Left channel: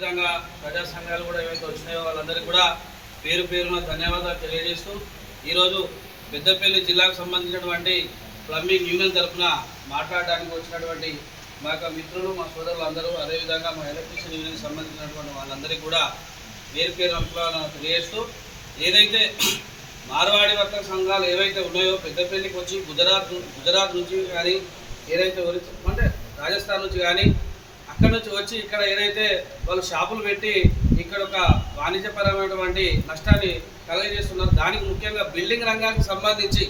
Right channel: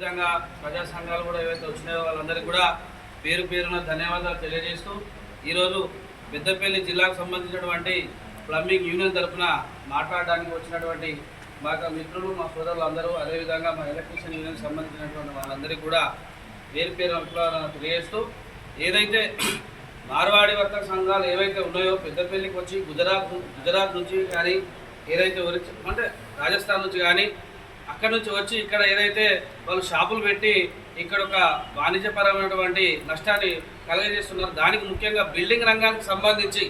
అదేవిధంగా ప్రజా సంఘాలు కూడా ఏవైతే వచ్చినాయో వాళ్ళందరికీ కూడా పేరు పేరున ధన్యవాదాలు తెలియజేస్తూ ఈరోజు పెద్దపల్లి జిల్లాకు సంబంధించినటువంటి ప్లంబింగ్ యూనియన్ తరఫున మాట్లాడడానికి వచ్చినటువంటి మా యొక్క మిత్రులు మా సోదరులు అందరూ అదేవిధంగా మా ఎలక్ట్రీషియన్ యూనియన్కి సంబంధించినటువంటి వాళ్ళందరికీ కూడా పేరు పేరు అభిప్రాయాలను తెలియజేస్తూ ఏదైతే మార్వాడి వర్తక సంఘాలు ఏవైతే ఉన్నాయో పెద్దపల్లికి వచ్చి గుజరాత్ నుంచి కానీ ఏదైతే అంటే రాజస్థాన్ నుంచి కానీ అక్కడ నుంచి వచ్చి ఇక్కడ ఏదైతే వాళ్ళు షాపులు పెట్టి ఇక్కడ ఒక వాణిజ్యపరమైనటువంటి నష్టాన్ని కలగజేస్తున్నారు. దానికి ముఖ్యంగా బిల్డింగ్ రంగానికి సంబంధించి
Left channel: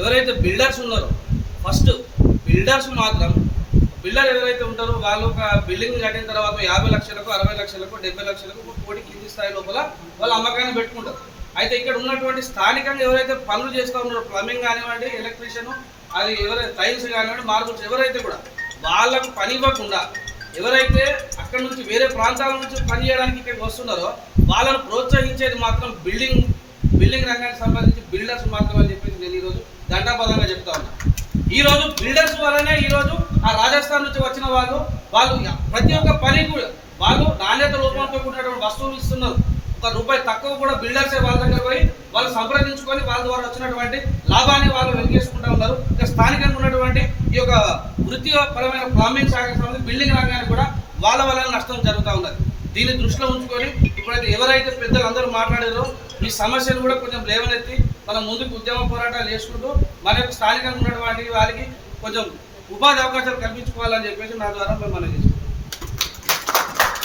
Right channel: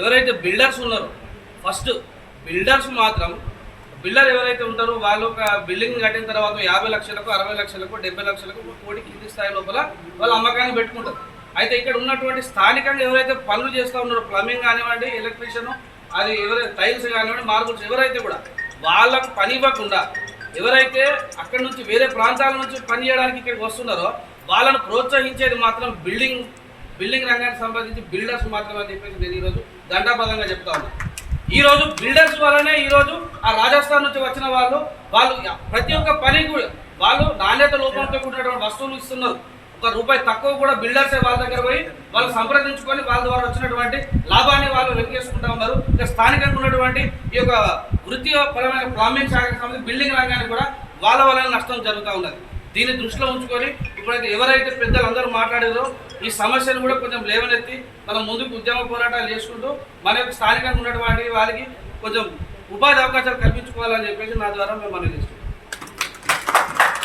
ఎవరైతే బిల్డర్స్ ఉన్నారో ఫస్ట్ బిల్డర్స్ మాత్రం బిల్డర్ ఎవరైతే ఉంటారో వాళ్ళు ఒక బిల్డింగ్ కట్టిన తర్వాత 50 లక్షలకు 60 లక్షలకు 70 లక్షలకు 1 కోటి కింది స్థాయి లోపల వాళ్ళు అమ్మకాన్ని పెట్టుకుంటారు. అయితే ఇక్కడ ఉన్నటువంటి స్థానికంగా ఎవరైతే పనులు చేస్తూ ఉన్నారో ప్లంబింగ్ కానివ్వండి, ఎలక్ట్రీషియన్, అది ఎవరైతే టైల్స్ కానివ్వండి, మార్బుల్స్ ఎవరైతే కూడా వాళ్ళకు పని ఇవ్వకుండా ఎవరైతే అక్కడ నుంచి వేరే ప్రాంతాల నుంచి పని చేయడానికి ఇక్కడికి వస్తున్నారో వాళ్ళను ప్రోత్సహించేది మాత్రం బిల్డింగ్ రంగానికి సంబంధించి బిల్డర్స్ మాత్రం అని చెప్పేసి నేను ఈరోజు దండాపదంగా చెప్తా ఉన్నా. ఈరోజు బిల్డర్స్ వల్లనే ఈరోజు ఆ రాజస్థాన్ నుంచి వచ్చిన వాళ్ళు ప్రతి ఒక్క పని కూడా వాళ్ళు నాణ్యత లోపంతో కూడినటువంటి వస్తువులు ఇస్తున్నారు. ₹1 తక్కువ కూడా బిల్డర్సే వాళ్ళ దగ్గర పోయి వాళ్ళు సంప్రదించుకొని వాళ్ళ ద్వారా వచ్చినటువంటి లాభాన్ని వాళ్ళు వెలిగేసుకుంటూ ఉన్నారు. ఇక స్థానికంగా ఉన్నటువంటి ఈ యొక్క వృత్తిపరమైన ప్లంబింగ్ శాఖకు సంబంధించి బిల్డింగ్ రంగానికి కూడా వాళ్ళ వల్ల నష్టం జరుగుతూ ఉన్నది. దీన్ని దృష్టిలో ఉంచుకొని ఇప్పుడైతే ఎవరైతే పెద్దలు అందరూ మాట్లాడారో ఈ సమస్యను కూడా కొంచెం లేవనెత్తి మనం ముందుకు ఉద్యమ పోరాటాలు చేసుకుంటూ మన యొక్క స్థానికంగా ఉన్నటువంటి వాళ్ళకి కొంచెం ఉపాధి అవకాశాలు కల్పించుకోవాలని చెప్పేసి నా ద్వారా మేము మనం చేసుకుంటాం.